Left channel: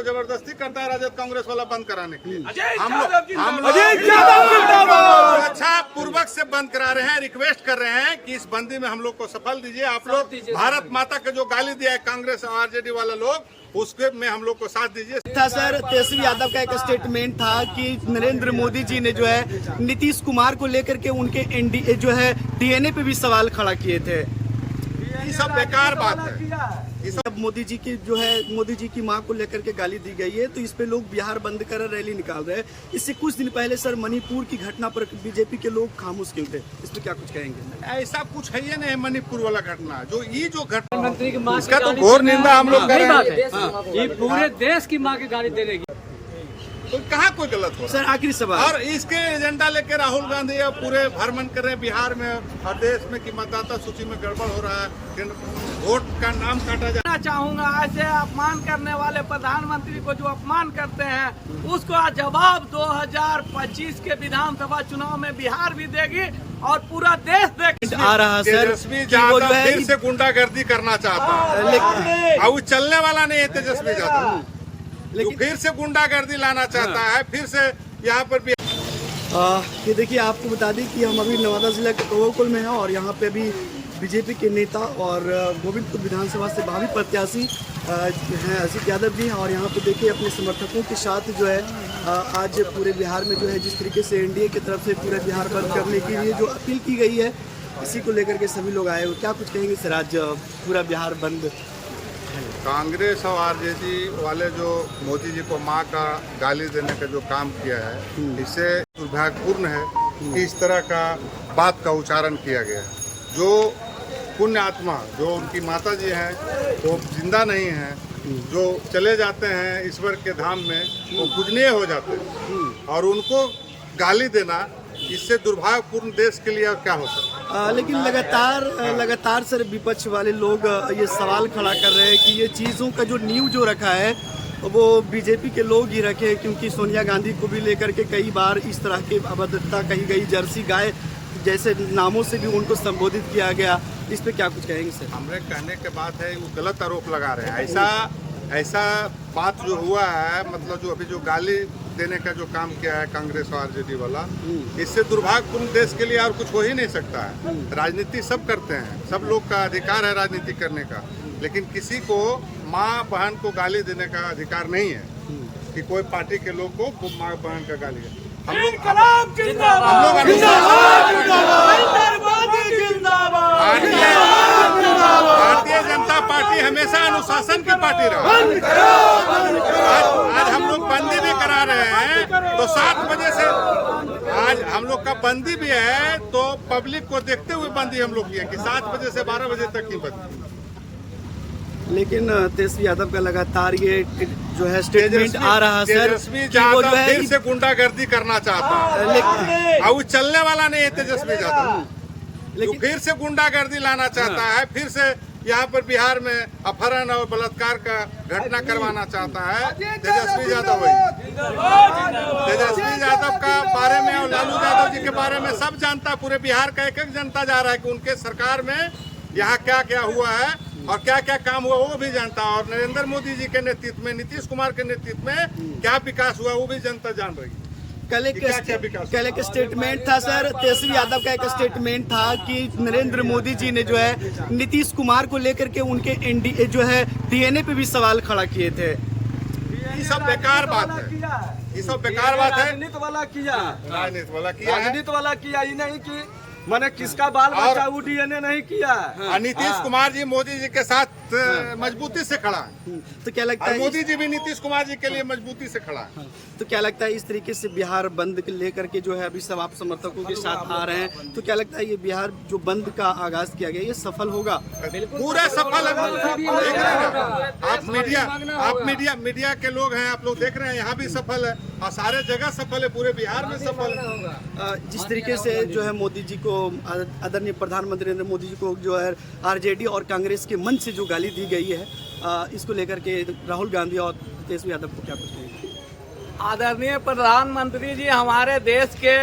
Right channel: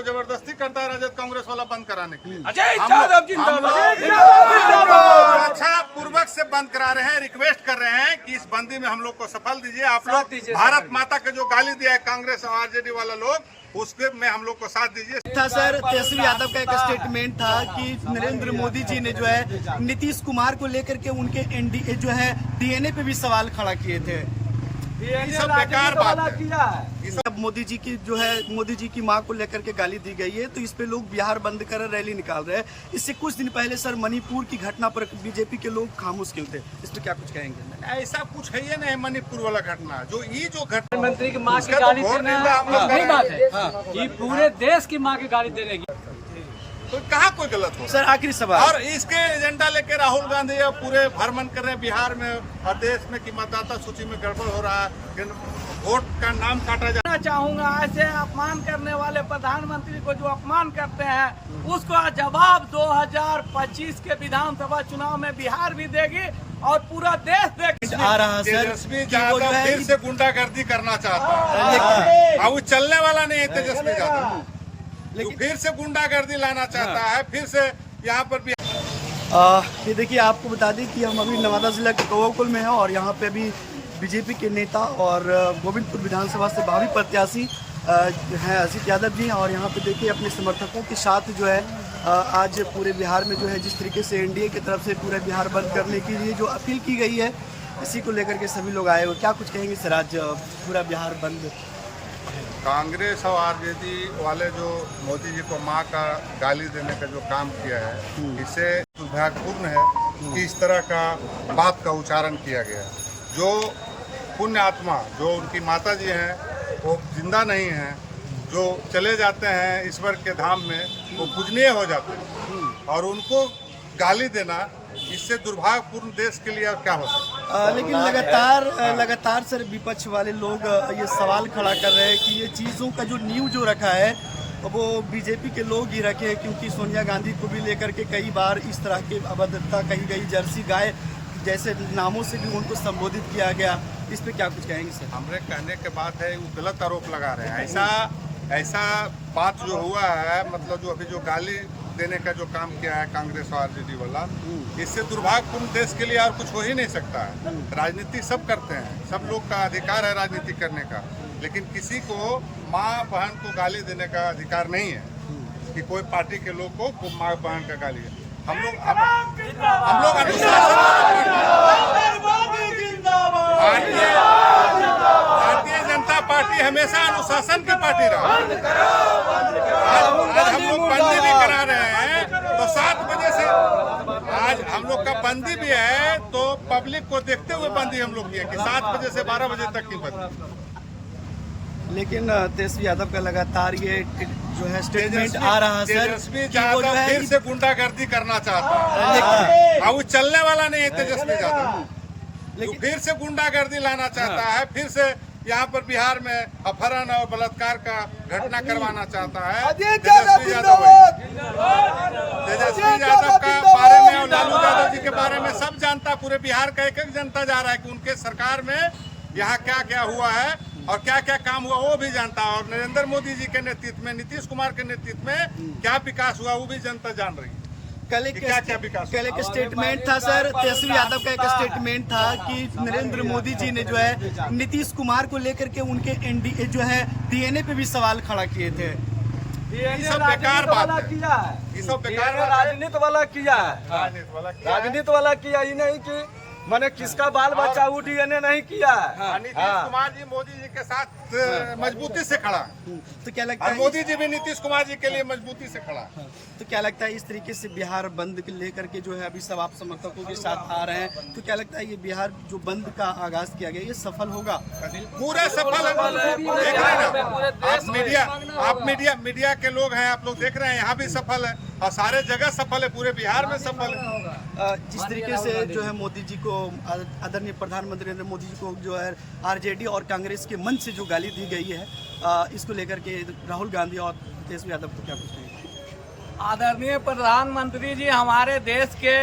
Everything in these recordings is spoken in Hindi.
तो जबरदस्ती करता है राजद कांग्रेस वाला बंद कराने के लिए। हम लोग सुरक्षा पूर्वक से बंद करा रहे हैं, रिक्वेस्ट कर रहे हैं कि इस बंदी में हम लोग को सफल दीजिए। आप लोग भारत माता के जो गाली दिया है कांग्रेस और आरजेडी वाला लोग, उसके में हम लोग को साथ दीजिए। था सर, तेजस्वी यादव का एक स्टेटमेंट था कि नरेंद्र मोदी जी ने जो है नीतीश कुमार को लेकर के उनके एनडीए जो है डीएनए पे भी सवाल खड़ा किए थे। ये सब बेकार बात है। अब मोदी जी की जो है मोदी जी की मां को लेकर के गाली दी गई है, तो इस पे लोग बिहार बंद कर रैली निकाल रहे हैं। इससे कुछ दिन पहले सर मणिपुर की घटना पर बीजेपी के लोग खामोश क्यों थे, इस पे क्या कुछ कहेंगे? ऐसा कुछ है ही नहीं मणिपुर वाला घटना, जो घटना मंत्री की मां की तो गाली घोर निंदा हम लोग नहीं बात है। ये पूरे देश की मां की गाली देने की कहाँ कोई गलत हो सर आखिरी सवाल, और इसके एजेंडा लेके राहुल गांधी अब पूरे भ्रमण कर रहे हैं बिहार में और देश में कि मतदाता सूची में गड़बड़ हो रहा है, वोट का नाम काटा जा। चाहूंगा ऐसे अपमान करने वाले प्रधानमंत्री को जो अपमान करते हैं उसको जवाब 2025 के विधानसभा चुनाव में बिहार भी देगी और पूरा देश देख आ रहा सर तेजस्वी यादव फिर से गुंडागर्दी करना चाहता है, अब वो चलने वाला नहीं है तेजस्वी यादव, लेकिन फिर से गुंडागर्दी लाना चाहता है, फिर से यहाँ पर भी। ये देखिए आपको बता दें कि हम अभी नवादा जिला के कौवाकुल में हैं और यहाँ पे अभी बीजेपी के नेता और गोविंदपुर विधानसभा से भावी प्रत्याशी हैं अजीत यादव जी, और यहाँ पे देखिए अपने समर्थकों के साथ जो है आज पूरे बिहार में जो है जिस तरीके से एनडीए की तरफ से पूरे बिहार बंद करने के लिए जो अपील की गई है, इसी को लेकर के सभी लोग आए हुए। क्या कुछ कहेंगे सर, आज पूरा बिहार बंद? कांग्रेस और आरजेडी वाले जो मोदी जी को मां का गाली देने का जो काम किया है, इससे दुर्भाग्यपूर्ण है कि इस तरह का बात का उच्चारण किया गया है। जो पुण्य आत्मा जो उनकी माता जी हैं वो जिंदा नहीं हैं, जो चले जाते हैं ईश्वर के धाम में, वो पूजनीय हो जाते हैं, और उनको गाली देना इससे दुर्भाग्यपूर्ण देश के लिए और क्या हो सकता है। लेकिन लगातार सर विपक्ष वाले लोग ये सवाल खड़ा कर रहे हैं कि ये चीज़ों का जो नींव जो रखा है वो बीजेपी के लोग ही रखे हैं, क्योंकि सोनिया गांधी को भी लेकर के कई बार इस तरह की अभद्रता कही गई, जर्सी गाय जैसे नामों से भी उनको संबोधित किया गया। इस पे क्या कुछ कहेंगे सर? हमारे कहने के बात है वो गलत आरोप लगा रहे हैं। ऐसा बात जो हुआ है, मतलब जो अभी जो गाली देने का जो काम किया है कांग्रेस और आरजेडी वाला, इससे दुर्भाग्यपूर्ण देश के लिए और कुछ हो ही नहीं सकता है। राजनीति सब करते हैं, सब लोग का अधिकार है राजनीति करने का, लेकिन किसी को माँ बहन को गाली देने का अधिकार नहीं है कि कोई पार्टी के लोग को माँ बहन का गाली है। हम लोग भारतीय जनता पार्टी हमेशा अनुशासन की पार्टी रहा। आज हम लोग बंदी भी करा रहे हैं तो 7 बजे से, आज हम लोग का बंदी भी है तो पब्लिक को देखते हुए बंदी हम लोग की है कि 7 बजे से 12 बजे तक ही बंदी। लेकिन तेजस्वी यादव का लगातार ये जो है स्टेटमेंट आ रहा सर, तेजस्वी यादव फिर से गुंडागर्दी करना चाहता है, अब वो चलने वाला नहीं है तेजस्वी यादव, लेकिन फिर से गुंडागर्दी लाना चाहता है, फिर से यहाँ पर बिहार में अपहरण और बलात्कार का घटना करवाना चाहता है तेजस्वी यादव। तेजस्वी यादव का बारे में और लालू यादव जी के बारे में सब जानता, पूरे बिहार का एक जनता जा रहा है कि उनके सरकार में यहाँ क्या क्या हुआ है और क्या क्या काम हुआ वो भी जानता, और नरेंद्र मोदी जी के नेतृत्व में, नीतीश कुमार के नेतृत्व में क्या विकास हुआ वो भी जनता जान रही है। कल एक स्टेटमेंट था सर, तेजस्वी यादव का एक स्टेटमेंट था कि नरेंद्र मोदी जी ने जो है नीतीश कुमार को लेकर के उनके एनडीए जो है डीएनए पे भी सवाल खड़ा किए थे। ये सब बेकार बात है, ये सब बेकार बात है। राजनीति वाला किया, राजनीति वाला किया, ये नहीं कि मैंने किसका बाल बच्चा वो डीएनए नहीं किया। नीतीश कुमार जी मोदी जी के साथ मजबूती से खड़ा है, तो क्या लगता है मोदी जी भी नीतीश कुमार जी के लिए मजबूती से खड़ा है। तो क्या लगता है इस तरीके से बिहार बंद लेकर के जो है अभी सब आप समर्थकों के साथ आ रहे हैं, तो क्या लगता है ये बिहार जो बंद का आगाज किया गया ये सफल होगा? पूरा सफल है, देख रहे हैं ना आप, मीडिया के लोग हैं, आप लोग देख रहे हैं, यहाँ भी सफल है और सारे जगह सफल है, पूरे बिहार में सफल है। जिस तरीके से जो है मोदी जी को, आदरणीय प्रधानमंत्री नरेंद्र मोदी जी को जो है आरजेडी और कांग्रेस के मंच से जो गाली दी गई है, इसको लेकर के राहुल गांधी और तेजस्वी यादव को क्या कुछ कहेंगे? आदरणीय प्रधानमंत्री जी हमारे देश के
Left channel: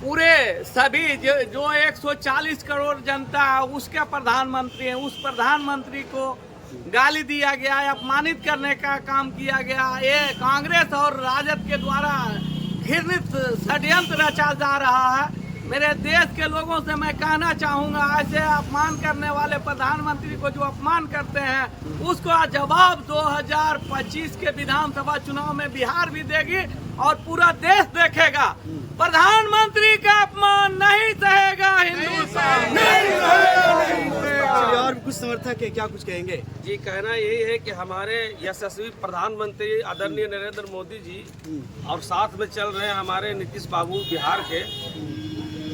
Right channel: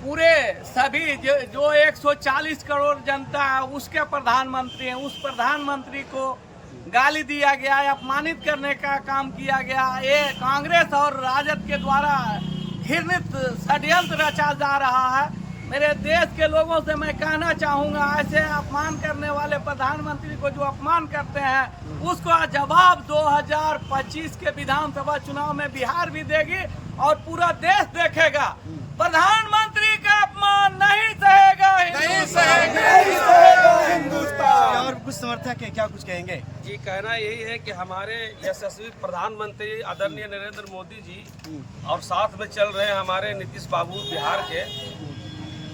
पूरे सभी जो 140 करोड़ जनता है उसके प्रधानमंत्री हैं, उस प्रधानमंत्री को गाली दिया गया, अपमानित करने का काम किया गया। ये कांग्रेस और राजद के द्वारा घृणित षड्यंत्र रचा जा रहा है। मेरे देश के लोगों से मैं कहना चाहूंगा, ऐसे अपमान करने वाले प्रधानमंत्री को जो अपमान करते हैं उसको जवाब 2025 के विधानसभा चुनाव में बिहार भी देगी और पूरा देश देखेगा। प्रधानमंत्री का अपमान नहीं सहेगा हिंदुस्तान। चलिए, और भी कुछ समर्थक है, क्या कुछ कहेंगे? जी, कहना यही है कि हमारे यशस्वी प्रधानमंत्री आदरणीय नरेंद्र मोदी जी और साथ में चल रहे हैं हमारे नीतीश बाबू बिहार के,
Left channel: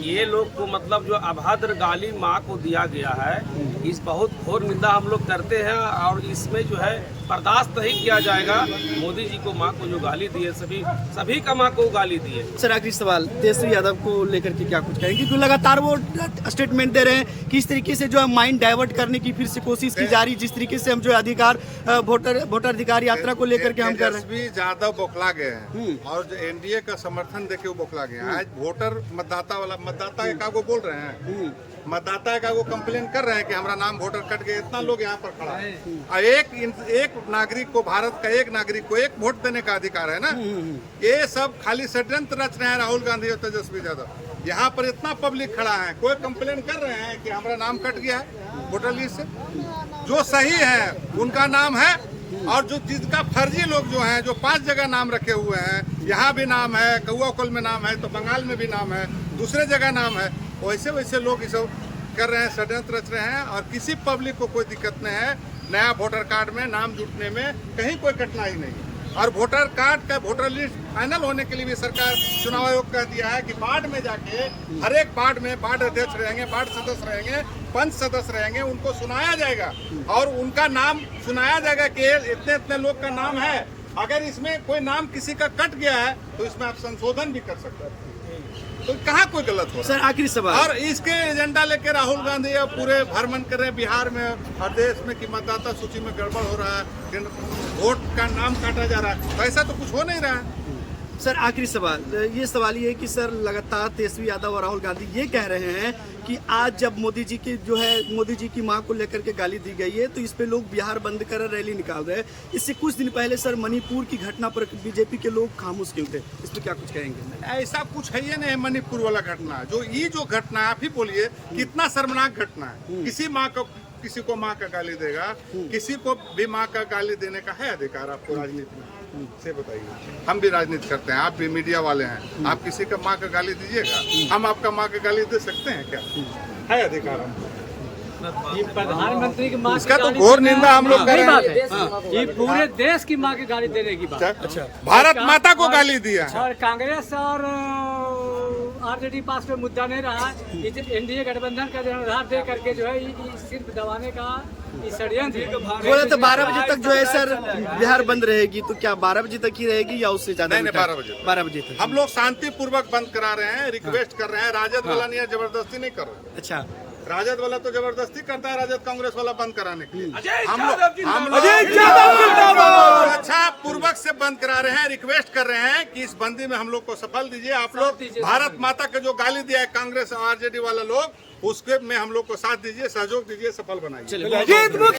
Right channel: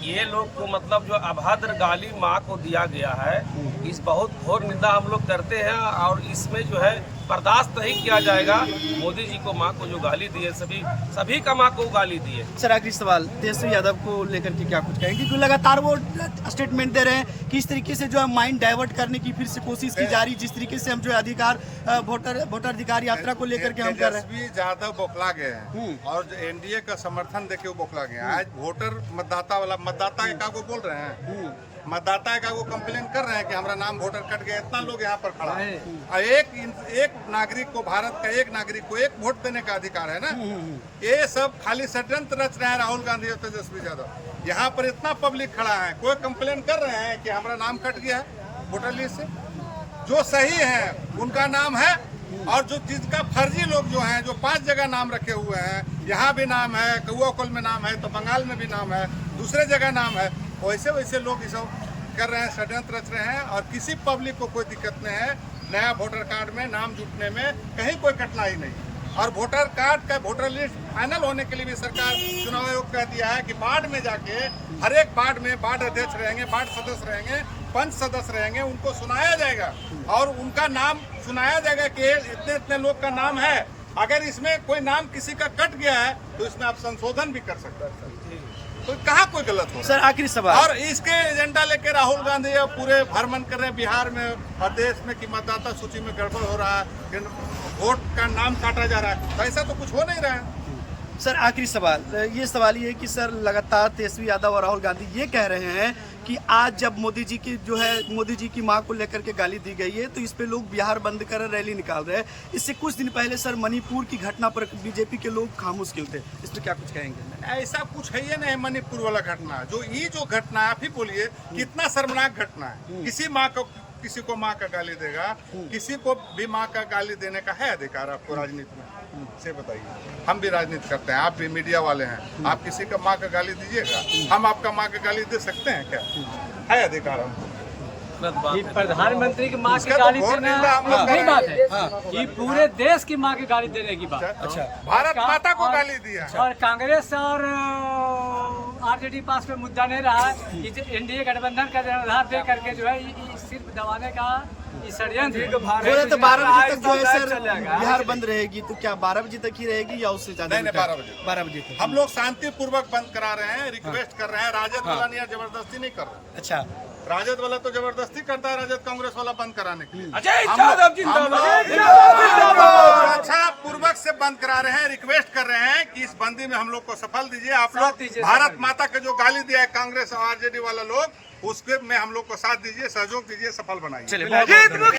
ये लोग को मतलब जो अभद्र गाली माँ को दिया गया है, इस बहुत घोर निंदा हम लोग करते हैं और इसमें जो है बर्दाश्त नहीं किया जाएगा। मोदी जी को माँ को जो गाली दिए, सभी का माँ को गाली दिए। सर, आखिरी सवाल, तेजस्वी यादव को लेकर के क्या कुछ कहेंगे? क्योंकि लगातार वो स्टेटमेंट दे रहे हैं कि इस तरीके से जो है माइंड डाइवर्ट करने की फिर से कोशिश की जा रही, जिस तरीके से हम जो अधिकार वोटर अधिकार यात्रा को लेकर के हम कर रहे हैं। तेजस्वी यादव बौखला गए हैं और जो एनडीए का समर्थन देके वो बौखला गए हैं। आज वोटर मतदाता का को बोल रहे हैं, मतदाता का वो कंप्लेन कर रहे हैं कि हमारा नाम वोटर कट गया। इतना लोग यहाँ पर खड़ा है और एक नागरिक को, भारत का एक नागरिक को एक वोट देने का अधिकार है ना। ये सब खाली षड्यंत्र रच रहे हैं राहुल गांधी और तेजस्वी यादव। यहाँ पर इतना पब्लिक खड़ा है, कोई कंप्लेन कर रहे हैं कि हमारा नाम कट गया है वोटर लिस्ट से। जो सही है उनका नाम है और जो जिसका फर्जी लोग जो हैं, जो 5 जगह नाम रखे हुए हैं, यहाँ भी नाम है, कौआकोल में नाम है, तो बंगाल में भी नाम है, दूसरे जगह नाम है, वैसे वैसे लोग इस कर रहे हैं, षड्यंत्र रच रहे हैं। और किसी पब्लिक को कोई दिक्कत नहीं है नया वोटर कार्ड में नाम जुटने में, कहीं कोई कठिनाई नहीं। और वोटर कार्ड का वोटर लिस्ट फाइनल होने के लिए भी सरकार चुनाव आयोग कह दिया है कि वार्ड में जाके हर एक वार्ड में वार्ड अध्यक्ष रहेंगे, वार्ड सदस्य रहेंगे, पंच सदस्य रहेंगे, उनको सुनाया जाएगा और उनका नाम सुनाया जाएगा कि इतने इतने लोग का नाम है। अगर इसमें कोई नाम किसी का कट गया है तो इसमें आप संशोधन भी कर सकते हैं। तो कहाँ कोई गलत हो रहा है? सर, आखिरी सवाल, और इसके एजेंडा लेके राहुल गांधी अब पूरे भ्रमण कर रहे हैं बिहार में और देश में कि मतदाता सूची में गड़बड़ हो रहा है, वोट का नाम काटा जा रहा है। तो ऐसा तो कुछ हो नहीं रहा है। सर, आखिरी सवाल, ये सवाल ये है कि सर लगातार तेजस्वी यादव और राहुल गांधी ये कह रहे हैं कि आज जब मोदी जी की जो है, मोदी जी की मां को लेकर के गाली दी गई है तो इस पे लोग बिहार बंद कर रैली निकाल रहे हैं। इससे कुछ दिन पहले सर मणिपुर की घटना पर बीजेपी के लोग खामोश क्यों थे? इस पे क्या कुछ कहेंगे? ऐसा कुछ है ही नहीं। मणिपुर वाला घटना जो घटना है, आप ही बोलिए कितना शर्मनाक घटना है। किसी को माँ का गाली देगा, किसी को भी माँ का गाली देने का है अधिकार आपको राजनीति में? से बताइए। हम भी राजनीति करते हैं, आप भी मीडिया वाले हैं, आप किसी का माँ का गाली दीजिएगा? हम आपका माँ का गाली दे सकते हैं क्या? है अधिकार हमको? ये प्रधानमंत्री की माँ की उसका तो गाली घोर देना निंदा हम लोग नहीं बात है। हाँ। ये पूरे देश की माँ की गाली देने की बात। अच्छा, भारत माता को गाली दिया। और कांग्रेस और आरजेडी पास पे मुद्दा नहीं रहा है। एनडीए गठबंधन का आधार दे करके जो है सिर्फ दबाने का षड्यंत्र। बोले तो 12 बजे तक जो है सर बिहार बंद रहेगी, तो क्या 12 बजे तक ही रहेगी या उससे ज्यादा? नहीं, 12 बजे तक। हम लोग शांति पूर्वक बंद करा रहे हैं, रिक्वेस्ट कर रहे हैं। राजद वाला नहीं है, जबरदस्ती नहीं कर रहे हैं। अच्छा, राजद वाला तो जबरदस्ती करता है, राजद कांग्रेस वाला बंद कराने के लिए। हम लोग अच्छा पूर्वक से बंद करा रहे हैं, रिक्वेस्ट कर रहे हैं कि इस बंदी में हम लोग को सफल दीजिए। आप लोग भारत माता का जो गाली दिया है कांग्रेस और आरजेडी वाला लोग, उसके में हम लोग को साथ दीजिए, सहयोग दीजिए, सफल बनाइए।